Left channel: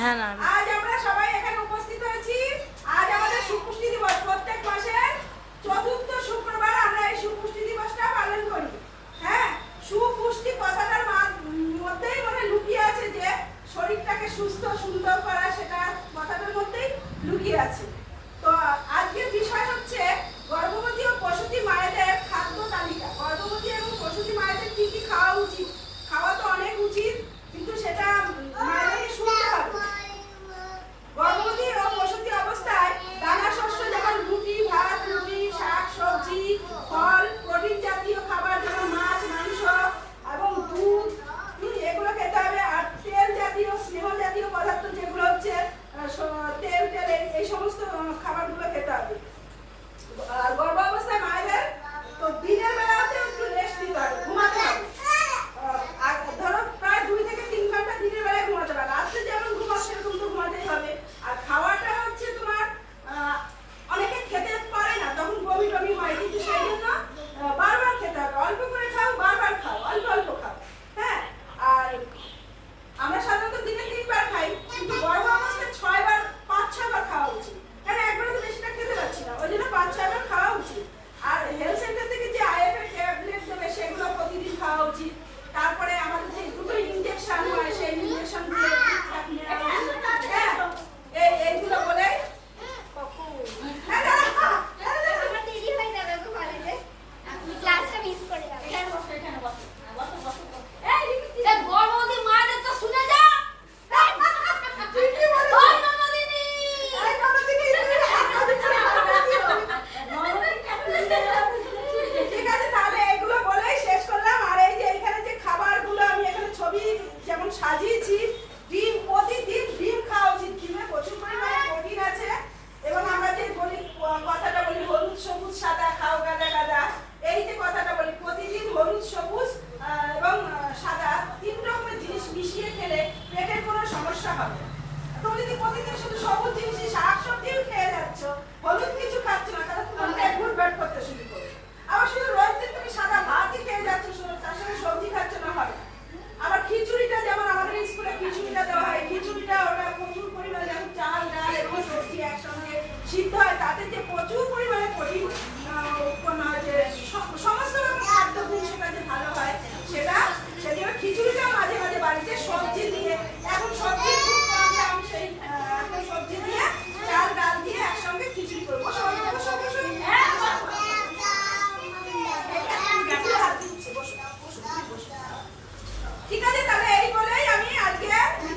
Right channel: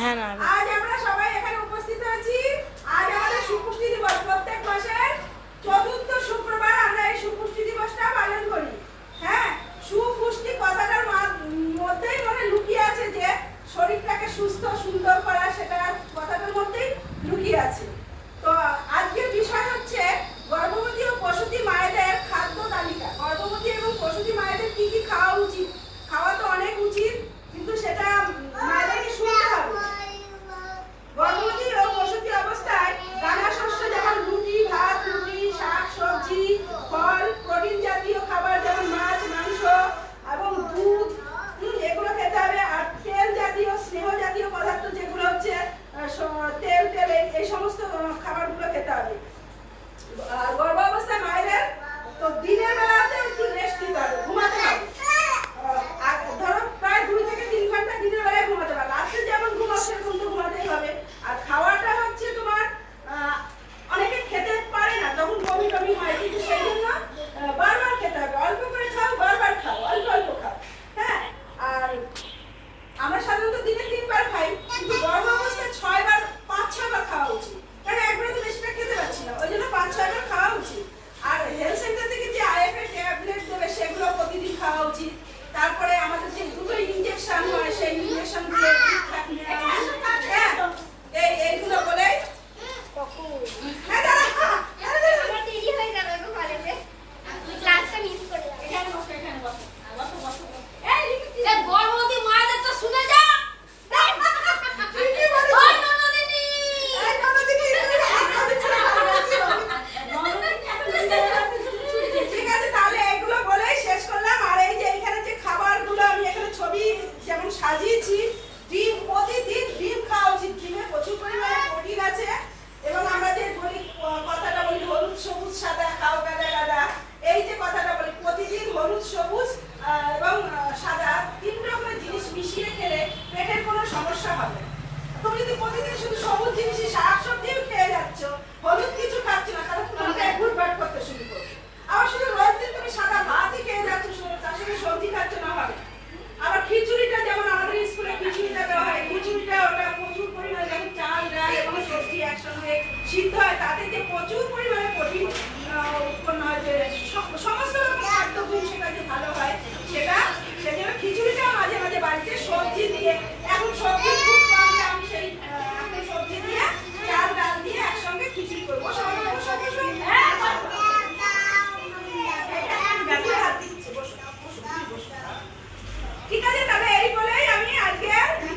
হ্যাঁ না আজ আমরা সবাই এখানে উপস্থিত হয়েছি। আজ আমাদের সুপুষ্টি দিবস। প্রত্যেক মাসের চতুর্থ শুক্রবার আমরা এই সুপুষ্টি দিবসটা পালন করি। হ্যাঁ, সুপুষ্টি কথাটার মধ্যেই মানে লুকিয়ে আছে যে শরীরটাকে সুস্থ সুন্দর করা, সেটা কথাটার মধ্যেই লুকিয়ে আছে। তো আজকের বিষয় হচ্ছে গর্ভবতী ও প্রসূতি মায়েদের খাদ্য তালিকা। গর্ভবতী এবং প্রসূতি মায়েদের কি কি খাওয়া উচিত? খাওয়া তো অনেক উচিত, কিন্তু সেটা মায়েদেরকে শুনতে হবে। গর্ভবতী ও প্রসূতি অবস্থায় দানা শস্য যেমন রুটি, ভাত, রুটি, শাক, সবজি, ফল, প্রোটিন জাতীয় খাবার যেমন মাছ, মাংস এবং দুধ, এগুলো খেতে হবে। আর তেল জাতীয়, স্নেহ জাতীয় পদার্থ যেগুলো হচ্ছে তেল তেল এই সমস্ত খাবারগুলো খেতে হবে। গর্ভাবস্থায় মায়েদের তো দিনের বেলাতে একটু রেস্ট দিতে হবে, ঘুমাতে হবে। ধরো প্রায় 2 থেকে 3 ঘন্টা দিনের বেলায় ঘুমাতে হবে। রাত্রে যেমন ঘুমাও সেরকম তো ঘুমাতেই হবে। আর খাওয়াটা হচ্ছে তোমার অনেকে খেতে পারে না, তখন বমি টমি হয়, কিন্তু সেই জন্য বারবার খেতে হবে। অল্প করে খাও, বারবার খাও, অল্প অল্প খাও। হ্যাঁ, আর আমরা সাধারণত দিনে 3 বার খাই, কিন্তু গর্ভাবস্থায় 6 বার 5-6 বার খাওয়া উচিত। কারণ একবারে তো বেশিটা খেতে পারছি না, ওই জন্য 5-6 বার খাওয়া উচিত। আর হেলথ সেন্টার থেকে যে আইএফএ ট্যাবলেট দেবে সেগুলো প্রতিদিন খাওয়া উচিত। তারপরে আমাদের যে দুটো ইনজেকশন হয় সেই ইনজেকশন দিয়ে ঠিকঠাক নেওয়া উচিত। হ্যাঁ, এইগুলো বলেই সাজিয়েছি। ডিম, প্রতিদিন ডিম খাওয়া উচিত। ডিমে প্রচুর পরিমাণে প্রোটিন আছে। এবং আমরা যে বলি কথাটা বলি হলুদ সবুজ সাদা খাও গাদা গাদা, এই যে কথাটা বলি প্রতিদিন হলুদ সবুজ এবং সাদা 3 রকমের জিনিস মিশিয়ে খেলে পেটের কোনো সমস্যা হবে না। তুমি যদি প্রতিদিন শুধু সবুজ জিনিস শাক সবজিও খেয়ে যাচ্ছ, হলুদ কিছু খাচ্ছ না, তাহলে তোমার পেট ঘুরপাট করতে শুরু করবে। আবার শুধু